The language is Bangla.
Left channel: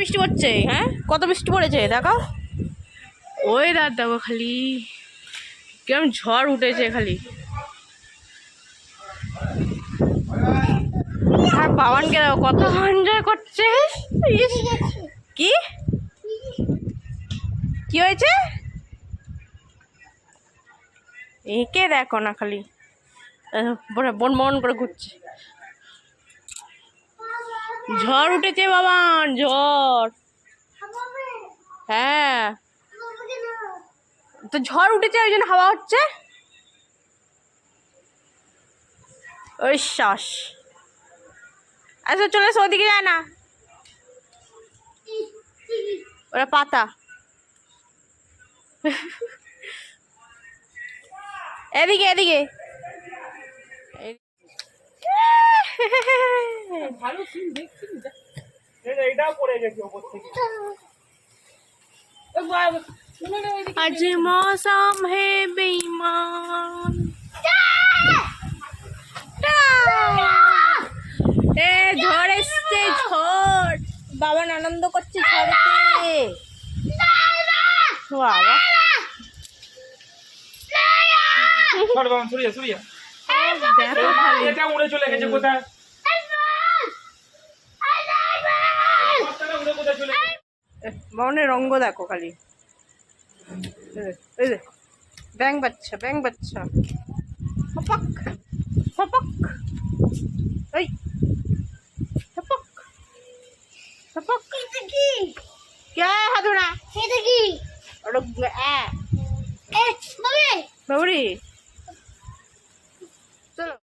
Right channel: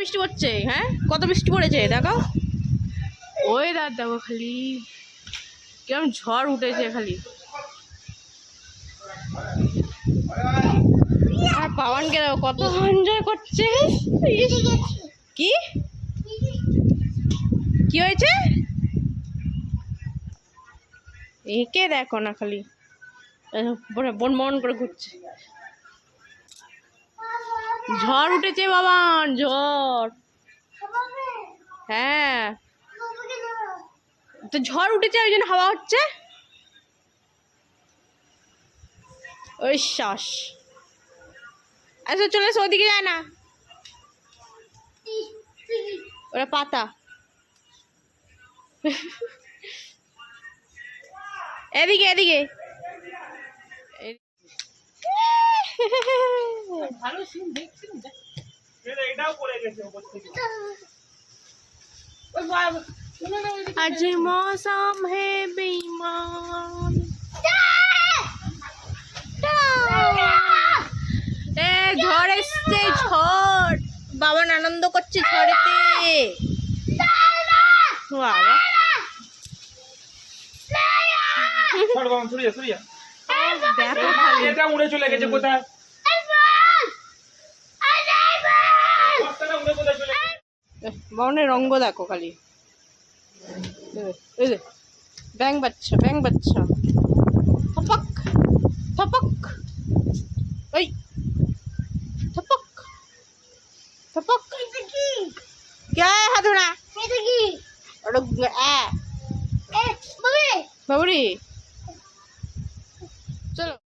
বৃষ্টি পড়ছে, হ্যাঁ কত বৃষ্টি পড়েছে দেখাও। ওই রাত দেখো খালি কিরম ঝড় উঠেছে খালি। আর বাবানকে দেখো কত এনজয় করছে। কি কি হয়েছে একে দেখো না খালি বন বন করে ঘুরছে। ঝড় উঠেছে বাবান, ঝড়। হ্যাঁ তো ঝড় উঠেছে ওই জন্য হাওয়া হচ্ছে। ওই শ্বাস আচ্ছা চলে এসো, ওদিকে যায় না, ওরা পাতা। এদিকে এদিকে आज मौसम है बेईमान। এ ঝড় এসছে, ঝড়। বাবা আনন্দ করছে ঝড়েতে। বাবা দেখো খালি উড়ে চলে গেছে কোথায়। বাবনের রঙ্গ দেখো খালি। এই যে ব্যাং বাচ্চা, ব্যাং বাচ্চা। থপক থপক, ওই থপক থপক। क्या है हाथुना? ये देखी। और ए बाबरी